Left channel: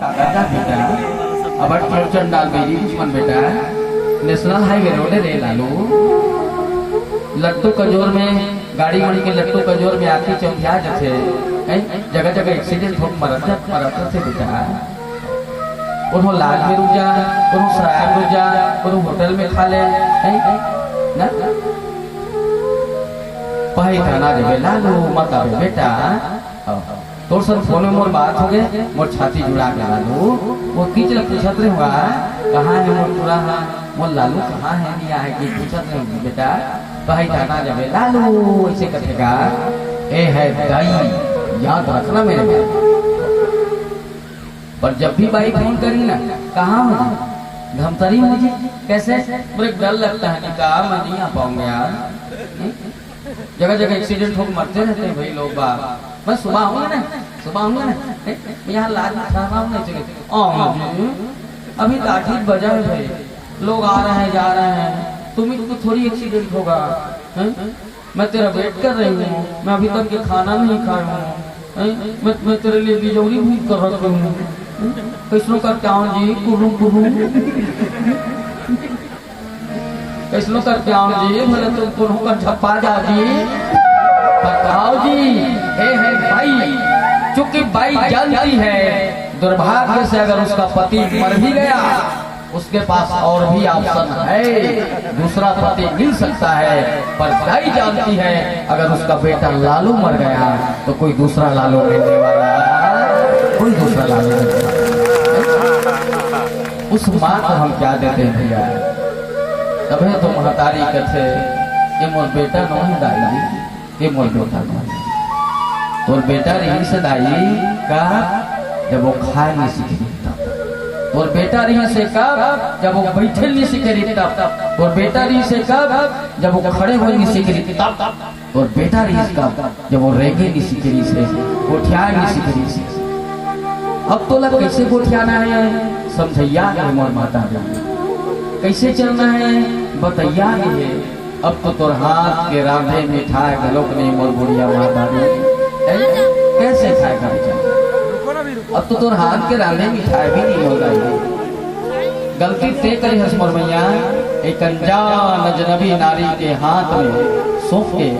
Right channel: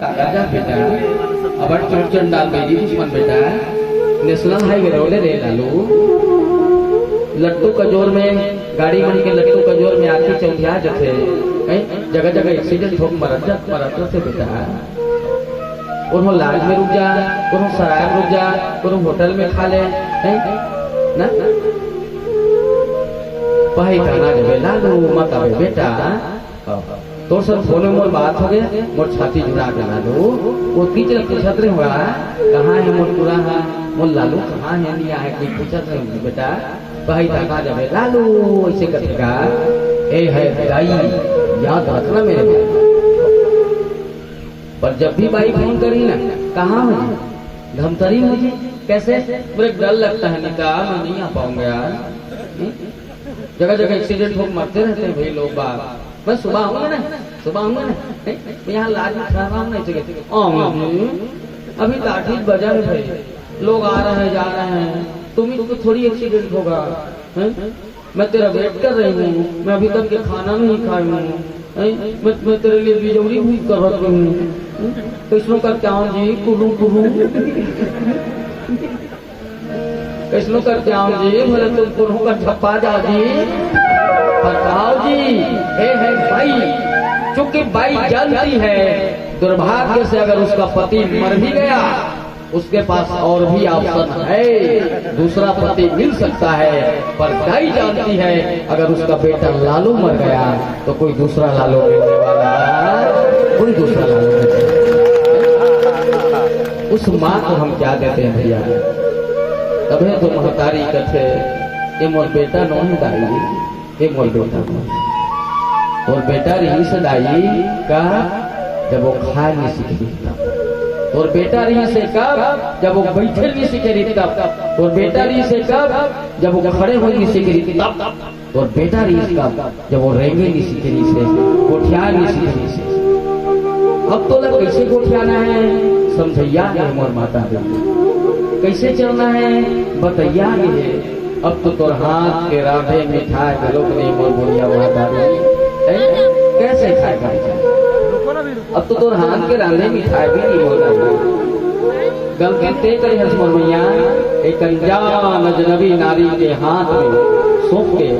राजा बेटा अब चोरचन डाल मेरी दुश्मन बेटा नेशनल हाईवे रोड रे लालू लट्टू कजोर में गाड़ी मन के लट्टू कजोर में आके चौंधिया जथे जगह जगह एक्सीडेंट हो मरत थे बेटा कोनो लाज में रुक जा कोनो सराय में रुक जा कोनो होटल में खा ले ना पहाई खाना रे लालू मत आवे बेटा तो सर फोने मोर बात हो गए मोर छाती जुड़ा के लालू वो कीचड़ पूछत रहे हुआ कहाँ है मोर पूरा मोर लालू कहाँ है नहीं आए की पूछत रहे बेटा भाई थाना जावे लालू ऐसे कथेगा ए है दाई याद रखना मेरे बात पर जब भी बाई फोन करी ना कहाँ हो धमतरी मुझे कैसे मुझे डर लगता है निकाल मैं नहीं आ पाऊंगा यार जगह जगह एक्सीडेंट हो मरते रहते हैं भाई लोग बाप मैं सुबह आऊंगा ना यहाँ लाज में खा रहा हूँ अभी लाठी बजा है भाई लोग आ रहे हैं जा रहे हैं तुमको थोड़ी एक्सीडेंट होगा मैं तेरा वेट कर रही हूँ मैं अभी तक के खाना नहीं खाया हूँ मैं तेरे लिए बिजौरी भी कर रहा हूँ कैसनो कर क्या जी कुरू कुरू कैसनो कर क्या जी बोले तुम दोनों का झप्पा जा जी बताओ जी है भाई चूंकि बाई जानती है दुर्भाग्य से अगर उसका पति मर भी गया उसके पास और भी ऑप्शन है दूसरा पति मिल सकता है पर दाई जानती है अगर उसका बेटा लालू मर गया तो कोई दूसरा लालू मिलने वाला कोई दूसरा लालू मिलने वाला उस माँ को हम क्या देते हैं भैया तभी तो महतारी कथे ये मोर बेटा नहीं दाई ये मोर बेटा और बेटा रही से दाई का जब वो खाए नहीं सीखी और बेटा रही से कब जब वो बैठे नहीं सीखे तब और बेटा रही से कब जब वो खड़े हो नहीं सीखे तब और बेटा रही कब जब वो रेंगे नहीं सीखे से गोठिया नहीं सीखे से अब तो लग कैसे गोठियाना है समझैया है मोर माता कैसे चलना है बतैया है अब तो तोर हाथ के राधे मिठाई गलोक नहीं मोर बुढ़िया माता कैसे खाएगा अब तो तोर हाथ के राधे मिठाई भी नहीं बोल रही गलती ते करी हस मोर मैया एक अनजान अजनबी नारी के हाथ में सौंप के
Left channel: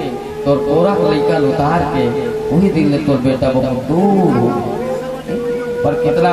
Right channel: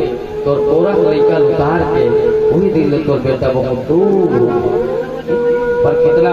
तोर तोरा लइका उतार के वही दिन तोर बेटा बहुत दूर पर कितना